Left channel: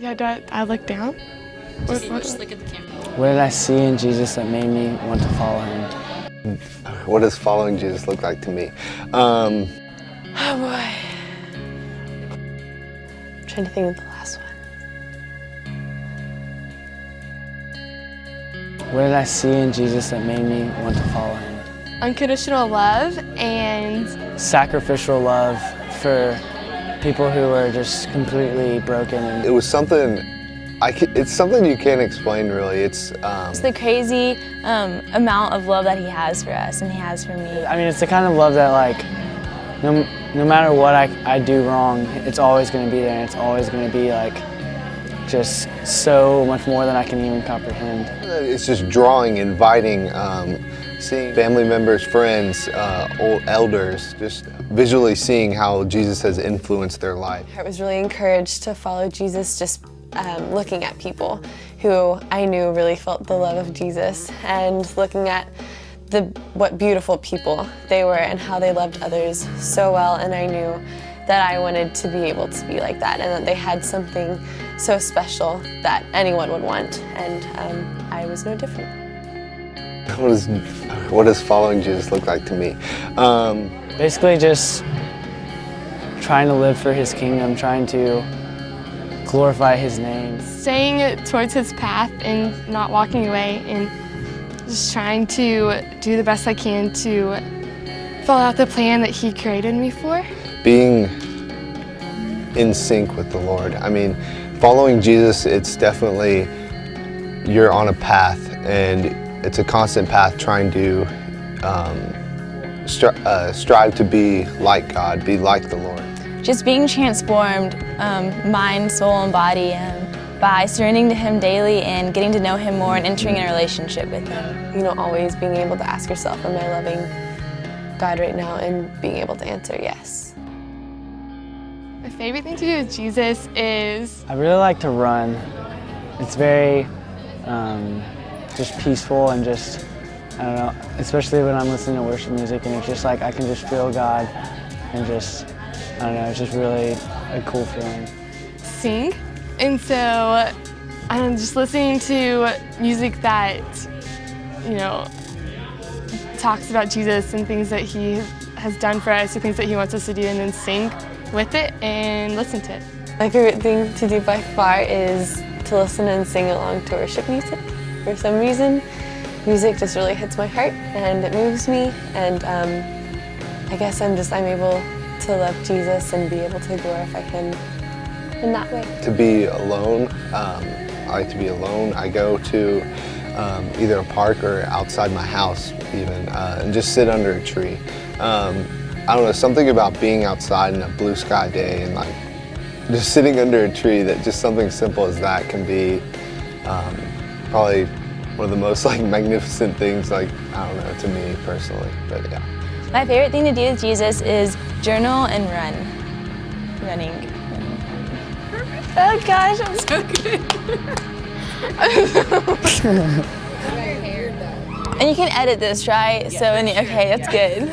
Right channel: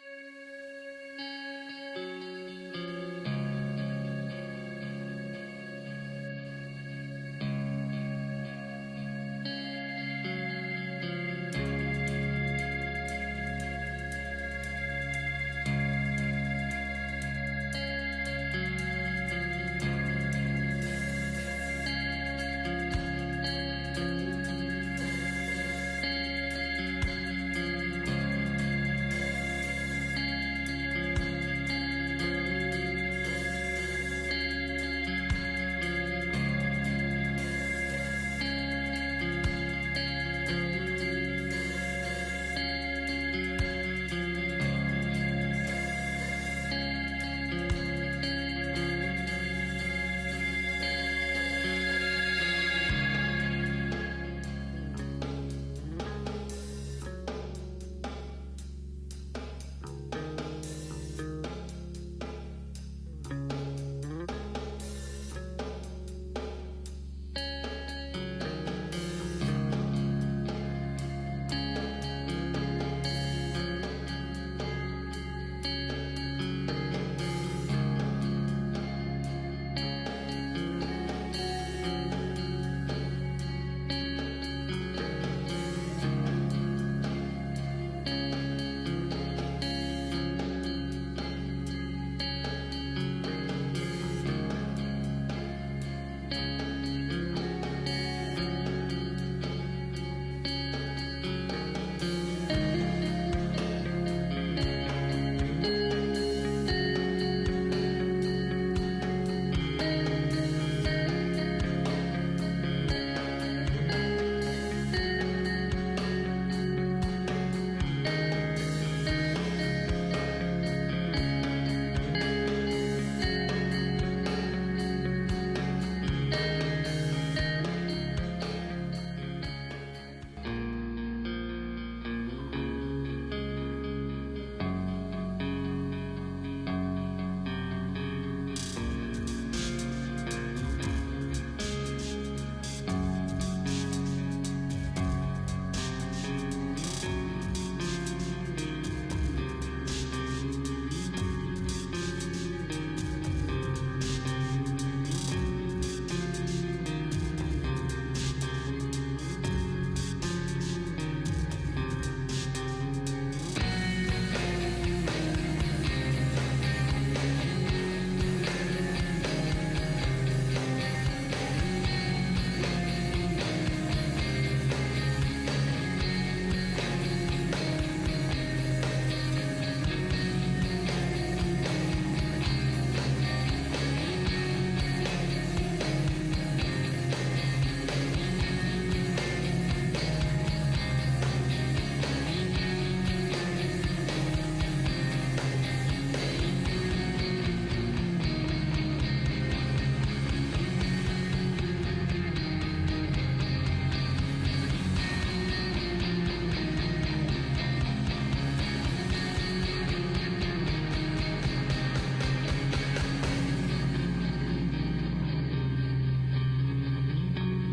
Yeah, I look down? Just look at the camera. What did I see in Jesus that made me want to follow him? What does following Jesus look like to me? Oh boy. I'm trying to think of the last one. What did I see in Jesus that made me want to follow him? Unconditional love and Sacrificial love for people who are just completely broken. It was something, it's something you can't explain really. It's the crazy amount of love that he has for us and he has for me. I mean, it's the kind of love that, like, no matter what I do wrong, it's always going to be there, and it's always going to be, like, just so much more than I can even comprehend. It's just drawing, inviting, seeing family members, friends, old elders, just visually seeing how Jesus has influenced their life. I was really encouraged to follow Jesus just looking at people who I knew really felt the love of Jesus and looking at what beautiful people they were and how they loved others so well, and I knew that I wanted to be able to be like that and that they had something so special that anyone would want, and I was no different. What does following Jesus look like to me? Basically just trying to live for his kingdom, trying to glorify his name. staying towards his path and not walking away, and just trying to do the best I can to follow out the plan that he created me for. Being in sync with the Lord. I mean, following Jesus, it's definitely, you're on a path, and it's a constant path trying to strive to be like God, be like the Lord. Just being transformed, mind, soul, and body, by surrendering to him daily and getting to know him more and entering in a relationship with him. You know, always being able to ask yourself, am I loving God right now, and being able to answer yes. My favorite thing to do with Jesus is... I really like to run. It's very just peaceful and just, I don't know, especially when I'm listening to worship music, and it's just like I can just feel God and just, I don't know, it's just really a cool feeling. Sing. And so I'm just listening to music that, you know, talks about Jesus and things that he has done for us, or things that he wants us to do, and then sing with it and listen to it. My favorite thing to do by far is to listen and sing along to worship music. For some reason, music just really hits my heart and it moves me, and I guess I'm able to love Jesus and be able to glorify him in that way. To be alone, I like to be alone. I go to either a park or outside my house even, and just sit under a tree. I don't know, something about being outside in a blue sky day and like just sitting under a tree, that just something simple as that can be probably one of the most like magnificent things, like, I don't know, to me personally, but yeah. My favorite thing to do with Jesus is journal and running. Oh gosh, I'm so good. And you can edit this, right? So, okay, that's good.